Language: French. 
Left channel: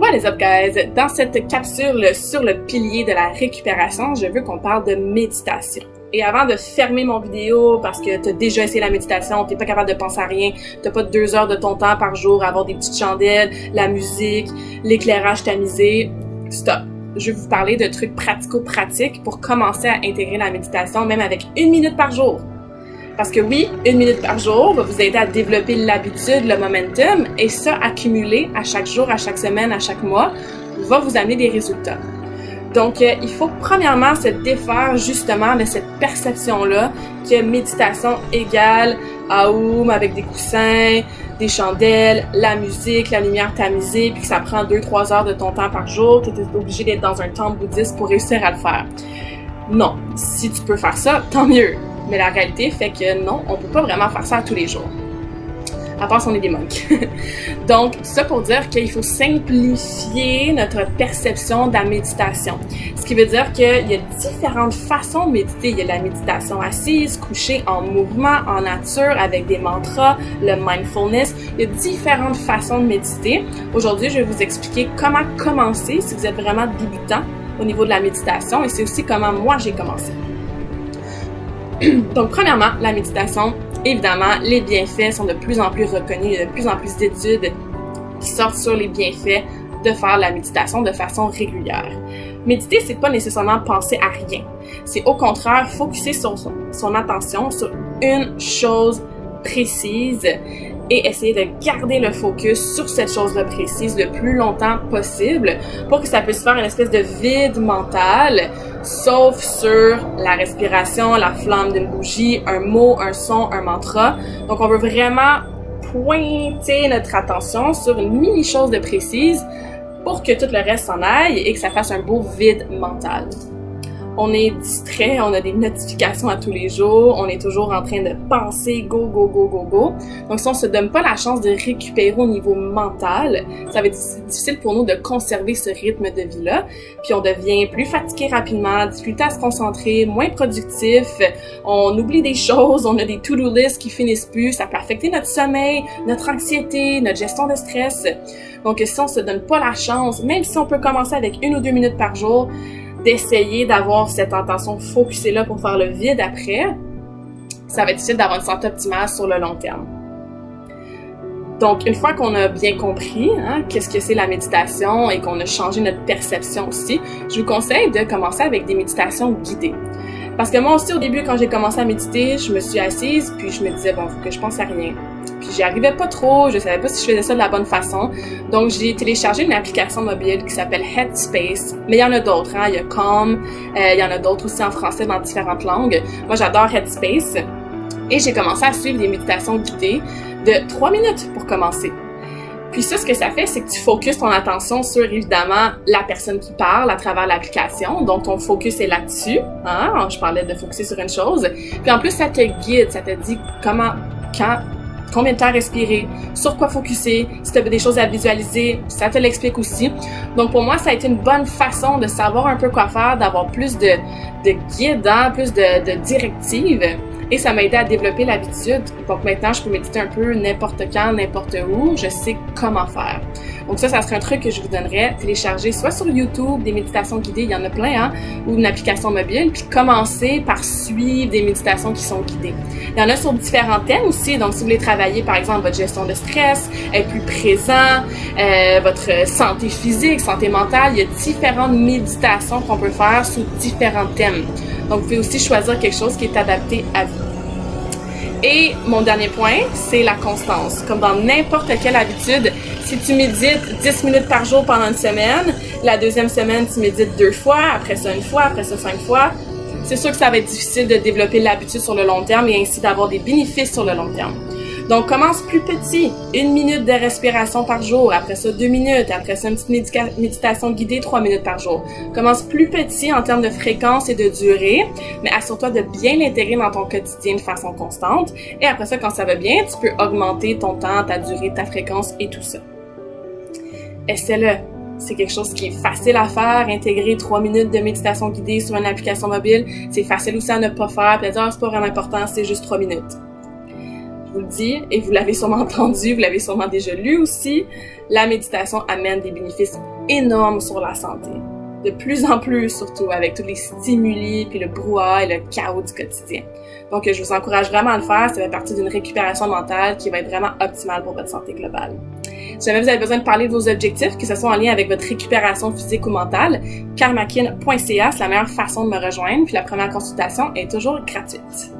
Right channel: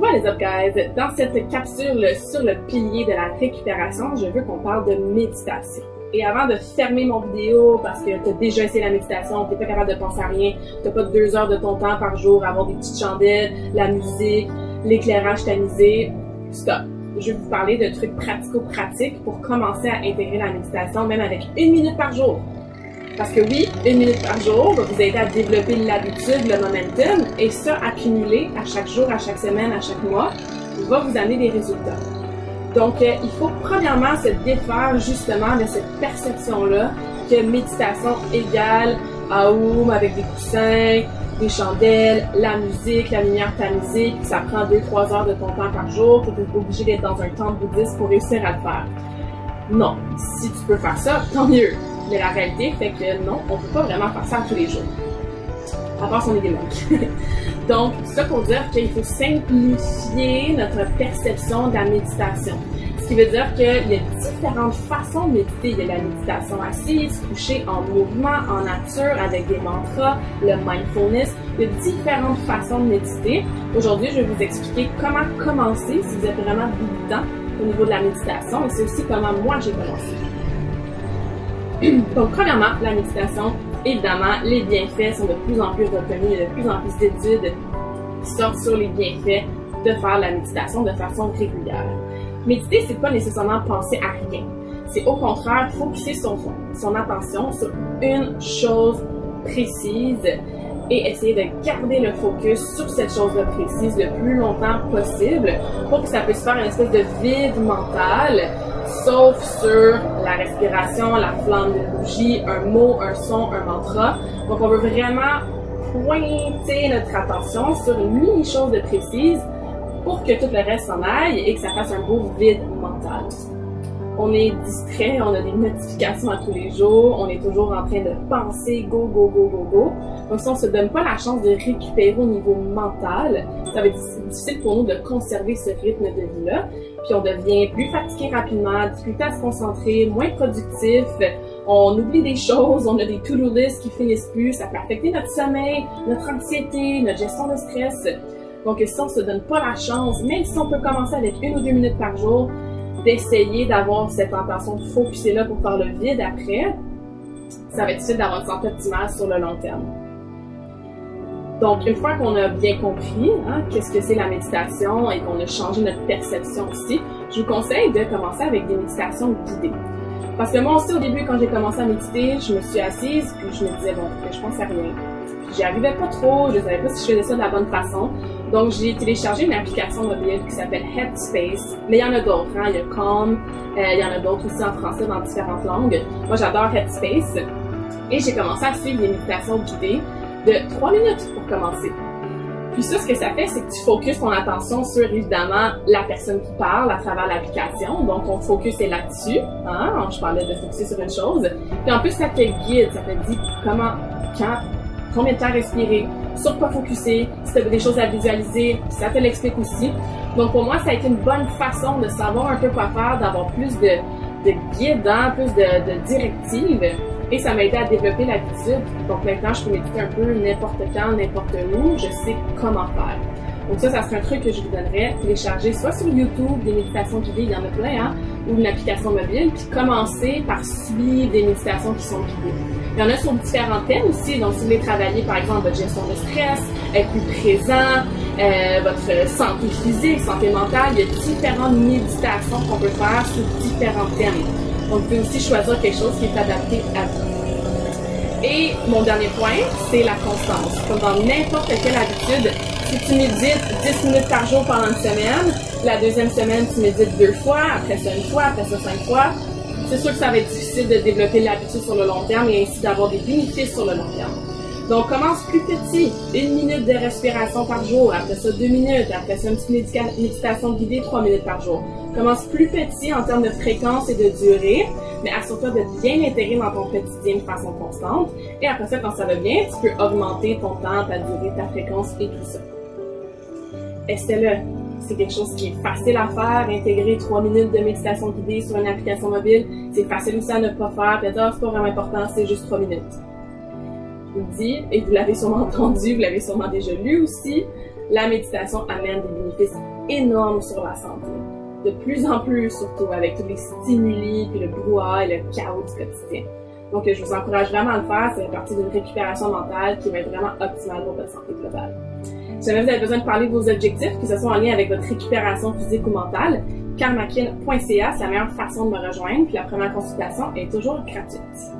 What is up guys? Dans cette capsule sur le pilier de la récupération, je veux qu'on parle de méditation. Et avant de fermer mon vidéo parce que t'as déjà essayé la méditation, t'es pas capable de penser à rien, t'as pas 2 heures de ton temps par jour à avoir des petites chandelles, la musique, l'éclairage tamisé, stop. Je vais vous parler de trucs pratico-pratiques pour commencer à intégrer la méditation même avec 1 minute par jour. Parce que oui, 1 minute par jour va vous aider à développer l'habitude, le momentum, et ça, accumulé à chaque jour, à chaque semaine, à chaque mois, va vous amener des résultats. Donc, il faut premièrement se défaire justement de cette perception-là que méditation égale Aum avec des coussins, des chandelles, la musique, la lumière tamisée, puis que ça prend 2-3 heures de ton temps par jour, que tu es obligé d'être dans un temple bouddhiste pour réussir à le faire. Non, si tu peux faire ça, tant mieux. Mais la réalité fait que non, on peut pas vraiment faire ça tous les jours. À part si on est des monks. Donc, ça pour dire qu'il faut simplifier notre perception de la méditation. Ce qui veut dire qu'il y a différentes façons de méditer. Il y a la méditation assise, couchée, en mouvement, en nature, avec des mantras, le mindfulness. Il y a différentes façons de méditer. Aujourd'hui, je vais vous expliquer comment commencer si vous êtes vraiment débutant au niveau de la méditation, et c'est aussi comment moi j'ai commencé. Donc, premièrement, la méditation, évidemment, les bienfaits sont de plus en plus reconnus. Il y a de plus en plus d'études qui sortent sur les bienfaits de faire la méditation de façon régulière. Méditer, c'est pas nécessairement penser à rien. C'est au contraire focusser son attention sur une chose précise et essayer de garder le focus sur cette chose-là précise le plus longtemps possible pour que ça puisse faire une espèce de vide mental, sauf sur la respiration, la flamme d'une bougie, un mot, un son, un mantra. Donc, on veut vraiment pointer notre attention sur une mini-chose de précise pour que tout le reste s'en aille et que ça fasse un beau vide mental. On est distrait, on a des notifications à tous les jours, on est toujours en train de penser go, go, go, go, go. Donc, si on se donne pas la chance de récupérer au niveau mental, ça va être difficile pour nous de conserver ce rythme de vie-là. Puis, on devient plus fatigué rapidement, difficulté à se concentrer, moins productif, on oublie des choses, on a des to-do lists qui finissent plus, ça peut affecter notre sommeil, notre anxiété, notre gestion de stress. Donc, si on se donne pas la chance, même si on peut commencer avec 1 ou 2 minutes par jour, d'essayer d'avoir cette intention de focuser là pour faire le vide après, ça va être difficile d'avoir une santé optimale sur le long terme. Donc, une fois qu'on a bien compris qu'est-ce que c'est la méditation et qu'on a changé notre perception aussi, je vous conseille de commencer avec des méditations guidées. Parce que moi aussi, au début, quand j'ai commencé à méditer, je me suis assise, puis je me disais, bon, faut que je pense à rien. Puis j'y arrivais pas trop, je savais pas si je faisais ça de la bonne façon. Donc, j'ai téléchargé une application mobile qui s'appelle Headspace. Mais il y en a d'autres, il y a Calm, il y en a d'autres aussi en français dans différentes langues. Moi, j'adore Headspace. Et j'ai commencé à suivre des méditations guidées de 3 minutes pour commencer. Puis ça, ce que ça fait, c'est que tu focuses ton attention sur, évidemment, la personne qui parle à travers l'application. Donc, ton focus est là-dessus. Je parlais de focuser sur une chose. Puis en plus, ça te guide, ça te dit comment, quand, combien de temps respirer, sur quoi focuser, si tu as des choses à visualiser, ça te l'explique aussi. Donc, pour moi, ça a été une bonne façon de savoir un peu quoi faire, d'avoir plus de guide, plus de directives. Et ça m'a aidé à développer l'habitude. Donc maintenant, je peux méditer un peu n'importe quand, n'importe où. Je sais comment faire. Donc ça serait un truc que je vous donnerais. Télécharger soit sur YouTube des méditations guidées, il y en a plein, ou une application mobile. Puis commencer par suivre des méditations qui sont guidées. Il y en a sur différents thèmes aussi. Donc si vous voulez travailler, par exemple, votre gestion de stress, être plus présent, votre santé physique, santé mentale, il y a différentes méditations qu'on peut faire sous différents thèmes. Donc, vous pouvez aussi choisir quelque chose qui est adapté à vous. Et mon dernier point, c'est la constance. Comme dans n'importe quelle habitude, si tu médites 10 minutes par jour pendant une semaine, la deuxième semaine, tu médites 2 fois, après ça 1 fois, après ça 5 fois, c'est sûr que ça va être difficile de développer l'habitude sur le long terme et ainsi d'avoir des bénéfices sur le long terme. Donc, commence plus petit. 1 minute de respiration par jour. Après ça, 2 minutes. Après ça, une petite méditation guidée, 3 minutes par jour. Commence plus petit en termes de fréquence et de durée, mais assure-toi de bien l'intégrer dans ton quotidien de façon constante. Et après ça, quand ça va bien, tu peux augmenter ton temps, ta durée, ta fréquence et tout ça. Essaie-le. C'est quelque chose qui est facile à faire, intégrer 3 minutes de méditation guidée sur une application mobile. C'est facile aussi à ne pas faire, puis à dire, c'est pas vraiment important, c'est juste 3 minutes. Je vous le dis, et vous l'avez sûrement entendu, vous l'avez sûrement déjà lu aussi, la méditation amène des bénéfices énormes sur la santé. De plus en plus, surtout avec tous les stimuli, puis le brouhaha et le chaos du quotidien. Donc, je vous encourage vraiment à le faire. Ça fait partie d'une récupération mentale qui va être vraiment optimale pour votre santé globale. Si jamais vous avez besoin de parler de vos objectifs, que ce soit en lien avec votre récupération physique ou mentale, karmakin.ca, c'est la meilleure façon de me rejoindre, puis la première consultation est toujours gratuite.